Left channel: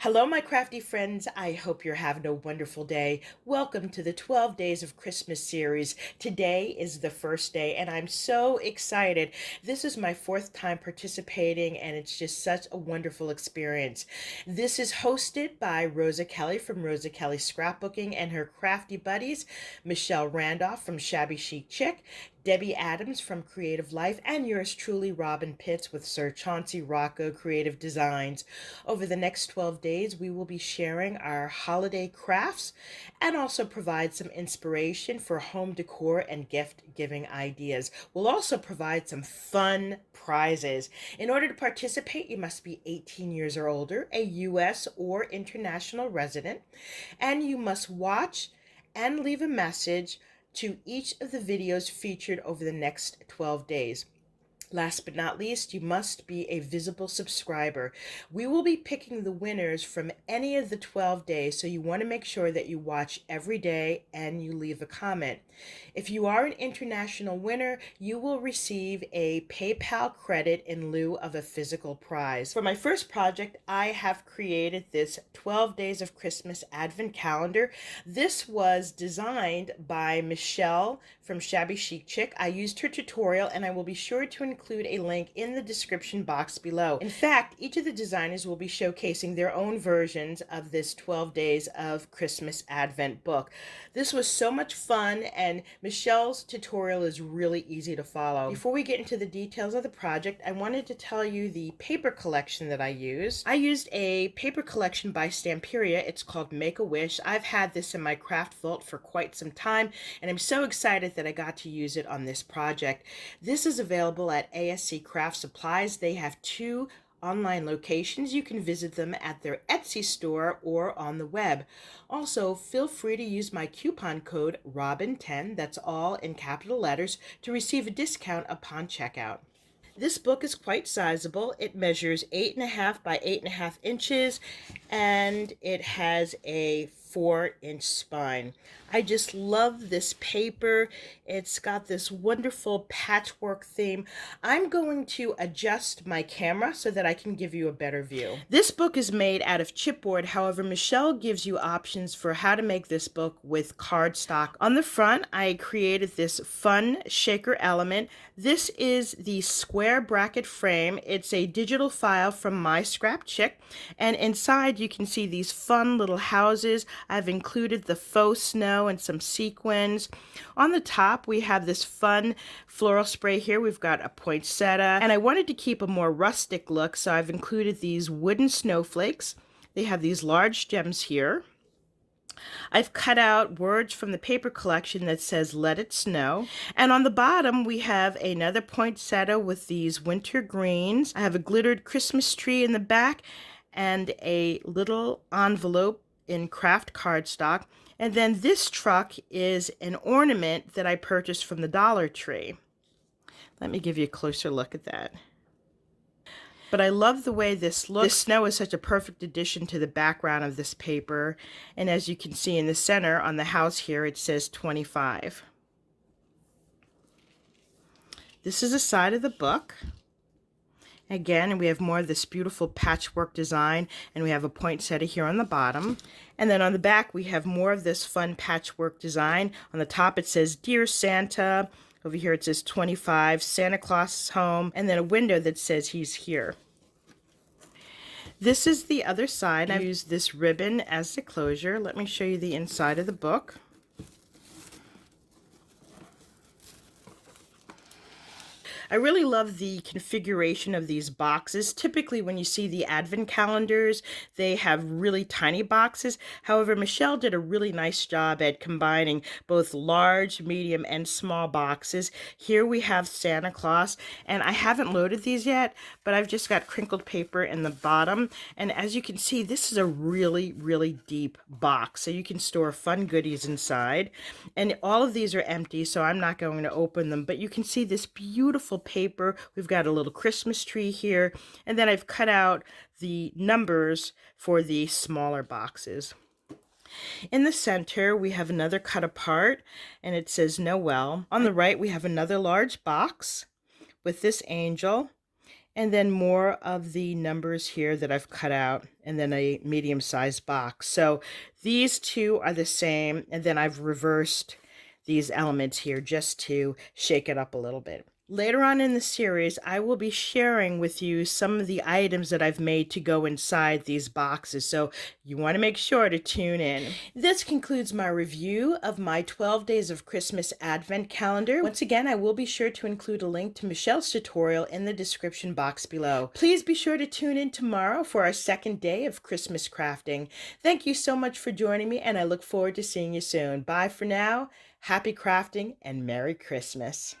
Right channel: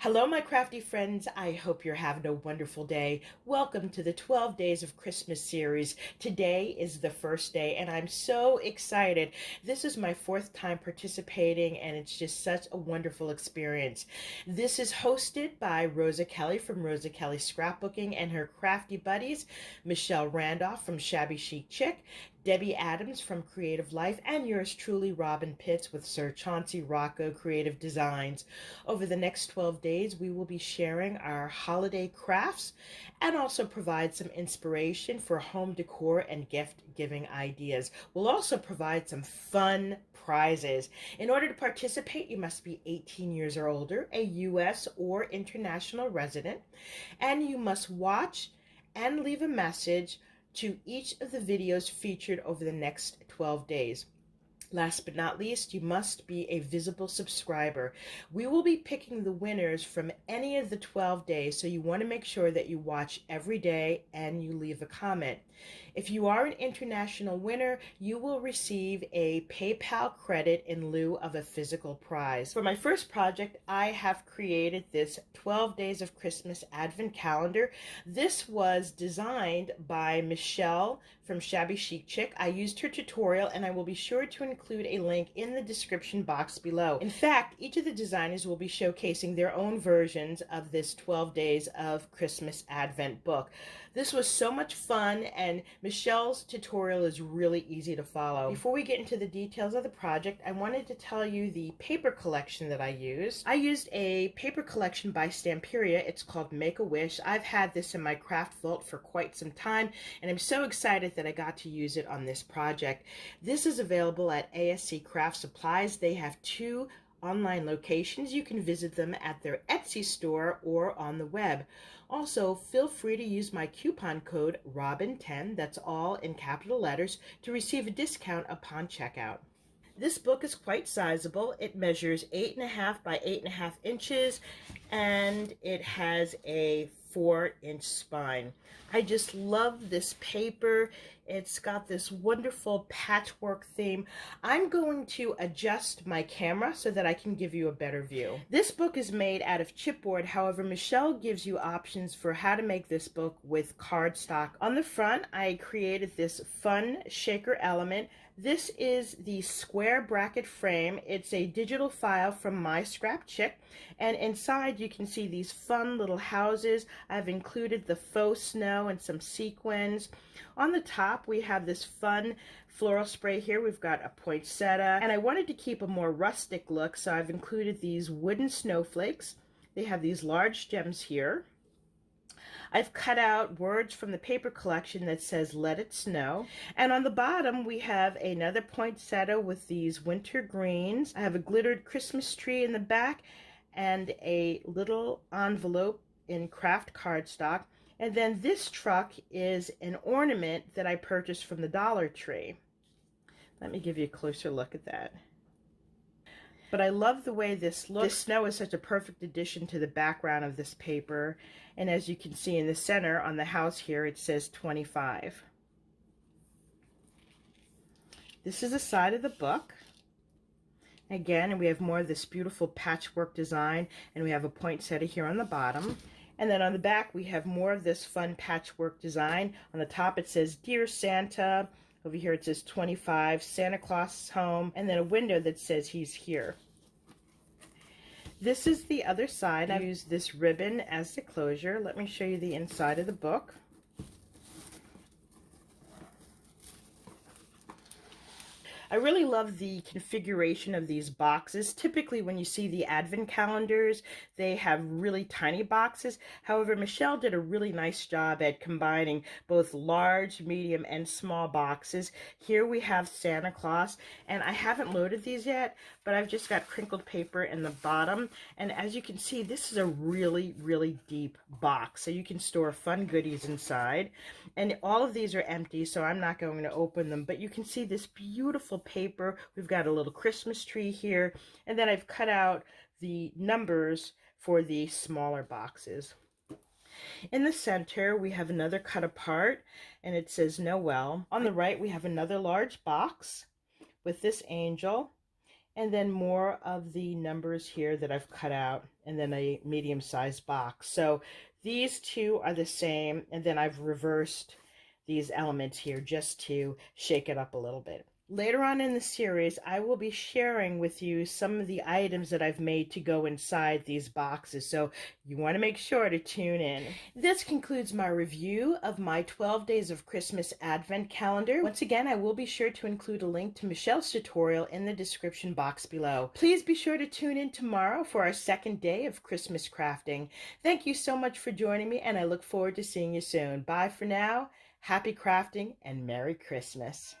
Hello, my crafty friends. I hope you're having a wonderful day. Welcome to the 12 Days of Christmas series. Today is the first day, and I'm so excited. This is my fourth time participating, and it's just such a wonderful experience. This is hosted by Rosa Kelly from Rosa Kelly Scrapbooking and her crafty buddies, Michelle Randolph from Shabby, Chic, Debbie Adams from Creative Life, and yours truly, Robyn Pitts with Sir Chauncey, Rocco Creative Designs. Over the next 12 days, we will be sharing our holiday crafts and also provide some inspiration for home decor and gift-giving ideas. We'll also provide some fun prizes. In order to participate, you must be 18 years or older, a U.S. or international resident, and you must watch and leave a message to each of the videos featured over the next 12 days. Last but not least, you must be a visible subscriber. We will be picking the winners from any of the 12 days, so you want to make sure that you watch every day and you leave a comment. If you are an international winner, you will receive a PayPal credit in lieu of a physical prize. For my first project, I have created this 12 Days of Christmas Advent Calendar. This was designed by Michelle from Shabby Chic. I used her tutorial, and I will be sure to include a link in the description box below. In fact, each of the designers will be showcasing their own versions of this 12 Days of Christmas Advent book. This was so much fun, and Michelle's tutorial is really easy to follow. Before we get into the details of the project, I wanted to tell you the paper collection that I used. I used a paper collection by Stamperia. It's called Make-A-Wish. I've had this in my craft vault for quite some time, and I'm so excited that I got to use it on this project. This is available at ASC Craft Supplies. They have two online locations. You can visit them at their Etsy store or on the web. Also, feel free to use my coupon code ROBYN10, that's all in capital letters, to receive a discount upon checkout. This book is quite sizable. It measures 8.5 by 8.5 inches, and it has a 4-inch spine. I just love this paper. It's got this wonderful patchwork theme. I'm going to adjust my camera so that I can give you a better view. This book is made out of chipboard. However, Michelle gives you options for how to make this book with cardstock. On the front, I created this fun shaker element. This is the square bracket frame. It's a digital file from MYSCRAPCHICK, and inside you can see these fun little houses. I've included the faux snow and some sequins. On the top, we have this fun floral spray here. We've got a poinsettia, and I wanted to keep a more rustic look, so I've included these wooden snowflakes. They have these large gems here. I've cut out words from the paper collection that says "Let It Snow." And on the bottom, we have another poinsettia with these winter greens. I have a glittered Christmas tree in the back and a little envelope in craft cardstock. And then this truck is an ornament that I purchased from the Dollar Tree. Let me give you a closer look at that. But I love the way this looks. This snow is such a perfect addition to the background of this paper. And as you can see in the center on the house here, it says 25. This is the side of the book. Again, we have more of this beautiful patchwork design, and we have a poinsettia here on the bottom. And then on the back, we have more of this fun patchwork design. On the top, it says, "Dear Santa." Over here, it says 25, Santa Claus is home, and then a window that says he's here. This is the other side. I used this ribbon as the closure. Let me show you the inside of the book. I really love the configuration of these boxes. Typically, when you see the advent calendars, they have really tiny boxes. However, Michelle did a really nice job at combining both large, medium, and small boxes. Here we have Santa Claus, and I haven't loaded these yet, but I've just got crinkled paper in the bottom. And as you can see, this is a really, really deep box, so you can store fun goodies inside. And all of these are empty, so I'm not going to open them, but you can see this beautiful paper. We've got a little Christmas tree here, and then I've cut out the numbers for the smaller boxes. In the center, we have another cut apart, and it says Noel. On the right, we have another large box with this angel, and then more of the numbers here that I've cut out, and then a medium-sized box. So these two are the same, and then I've reversed these elements here just to shake it up a little bit. Later on in the series, I will be sharing with you some of the items that I've made to go inside these boxes, so you want to make sure to tune in. This concludes my review of my 12 Days of Christmas Advent Calendar. Once again, I will be sure to include a link to Michelle's tutorial in the description box below. Please be sure to tune in tomorrow for our second day of Christmas crafting. Thank you so much for joining me, and I look forward to seeing you soon. Bye for now. Happy crafting and Merry Christmas.